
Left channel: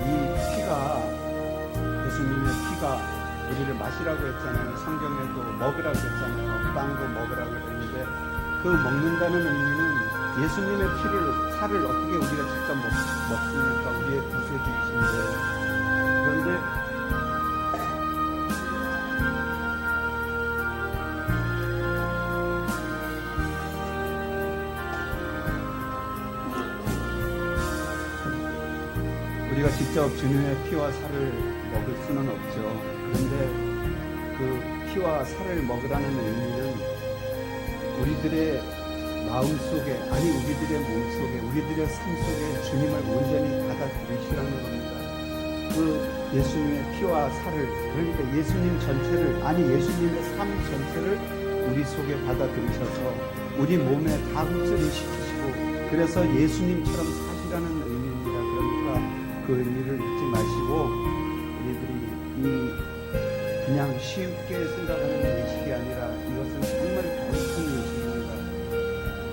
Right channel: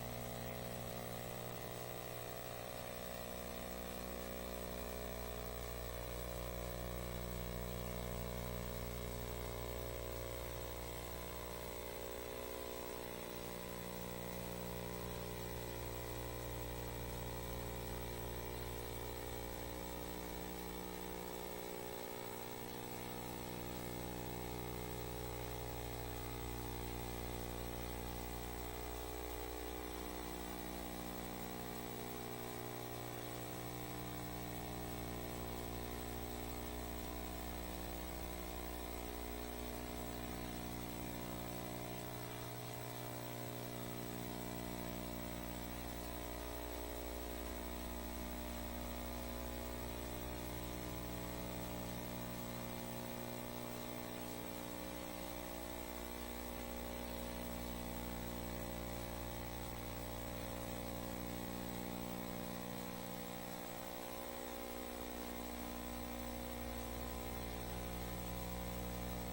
이 피가 예수님의 피가 우리를 마시라고 했잖아요. 성경에도 먹으라고 했잖아요. 빵도 먹으라고 했는데 그 먹는다는 의미는 예수님의 피를 살을 어떻게 우리가 직접 먹습니까? 우리의 구세주이신데 그런데 우리가 직접 주님의 피와 살을 먹을 수는 없죠. 그런데 그 피와 살을 먹으라는 의미는 우리들의 마음속에 아니 우리들의 몸속에 우리들의 삶 속에 주님을 온전히 받아들이시라는 겁니다. 그 예수님의 피와 살을 그러니까 예수님 전체를 아니 예수님의 삶 전체를 우리 속에 받아들이셔서 우리 몸에 다 흡수를 시키시고 그래서 예수님처럼 사시라는 의미입니다. 그러니까 그 의미를 잊지 마시고 우리들이 그냥 쉽게 생각하는 예식이 아니라 이것은 정말 깊은 예식입니다.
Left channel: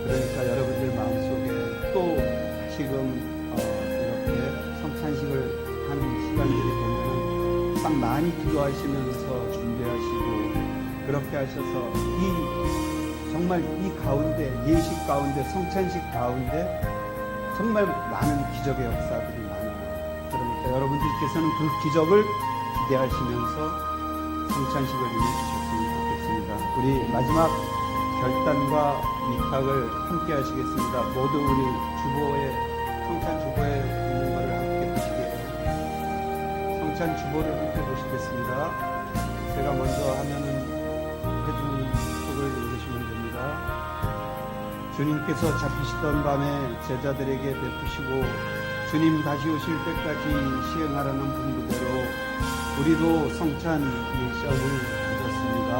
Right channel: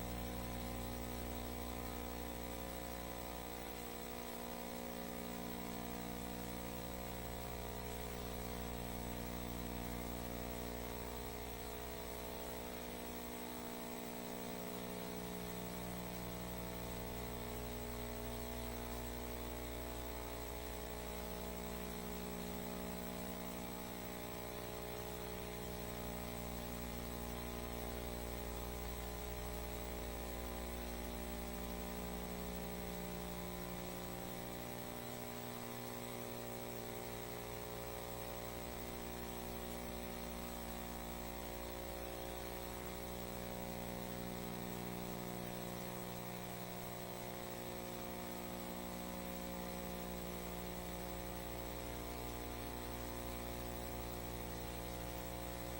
그러니까 여러분들 마음속에 또 지금 이렇게 성찬식을 하는 시간들이 되면 참 많이 기도하시면서 준비하시고 그렇게 하셔서 이 정말 이 가운데 예식 가운데 성찬식 가운데 정말 많은 기적의 역사들이 많아요. 그러니까 여러분들께서는 그 기적을 기대하시면서 성찬식을 임해주셨으면 좋겠습니다. 우리 마지막 결단과 위탁을 함께 하시겠습니다. 모두 우리 주보에 성찬 주보에 있는 것을 함께 보시게요. 성찬 주보를 함께 보시겠습니다. 제가 먼저 하면은 해주님 속을 읽으시면 됩니다. 주님께서 잡히시던 밤에 제자들에게 베푸시고 주님 다시 오실 때까지 시행하라는 분부대로 우리도 성찬 미션을 가졌습니다.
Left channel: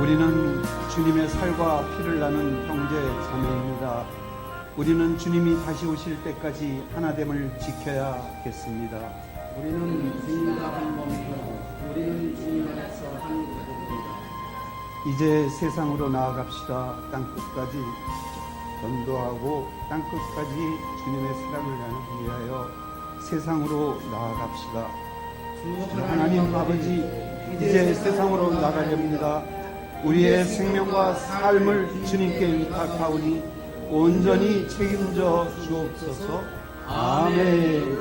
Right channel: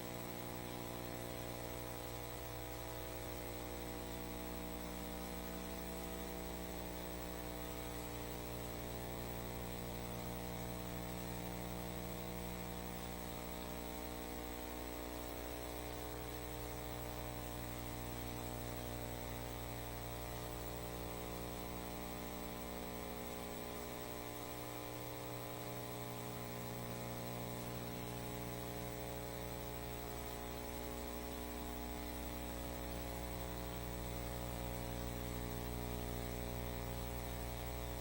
우리는 주님의 살과 피를 나눈 형제 자매입니다. 우리는 주님이 다시 오실 때까지 하나됨을 지켜야겠습니다. 우리는 주님과 한 몸이고 우리는 주님 안에서 한 몸입니다. 이제 세상으로 나아갑시다. 땅끝까지 전도하고 땅끝까지 주님의 사랑을 나누기 위하여 세상으로 나아갑시다. 하나님 아버지 이제 세상으로 나가렵니다. 우리의 생명과 삶을 주님께 위탁하오니 온전히 책임져 주옵소서. 아멘.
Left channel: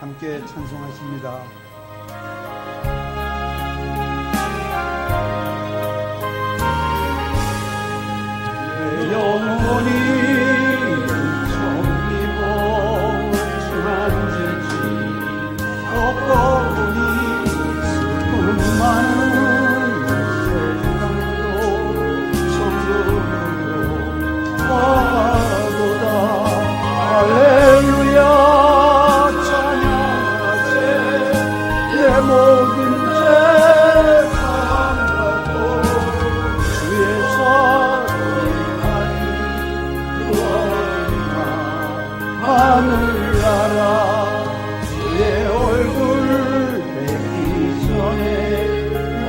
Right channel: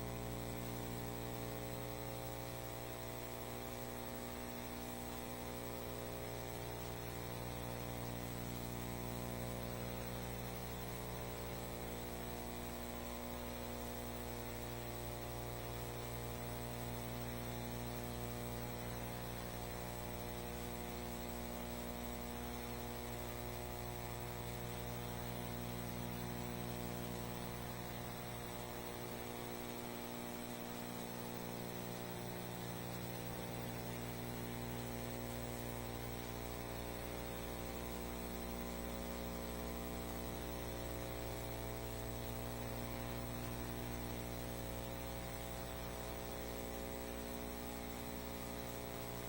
함께 찬송하십니다. 내 영혼이 정리고 주만지지 걷고니 슬픔 많은 세상도 천국으로 와도다. 할렐루야 찬양하세. 내 모든 죄 사함받고 주의 자비하니 구원이나 하늘나라 주의 얼굴 뵙기 전에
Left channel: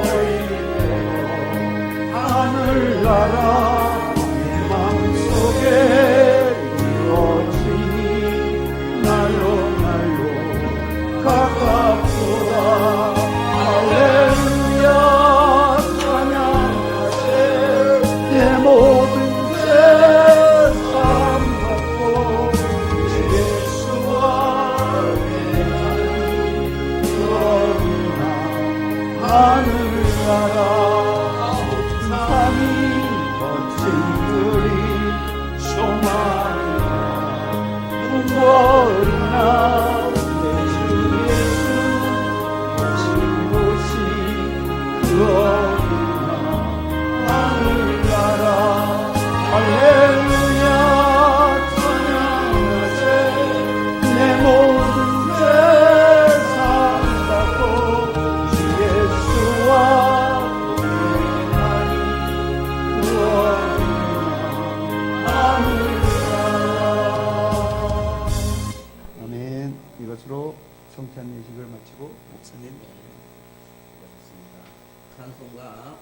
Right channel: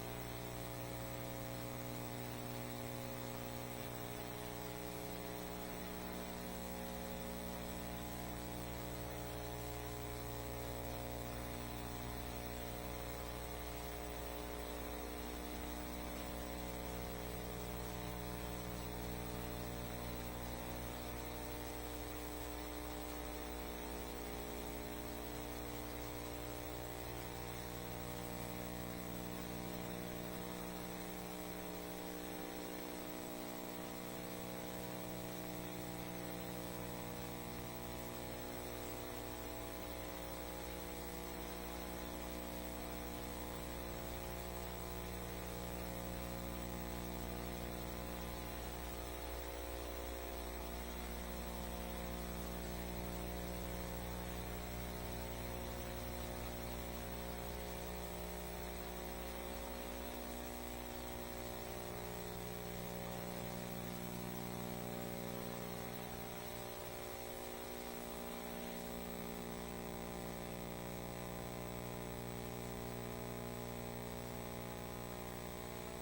너희에게 하늘나라 내 마음속에 이루어지니 날로 날로 가깝도다. 할렐루야 찬양하세. 내 모든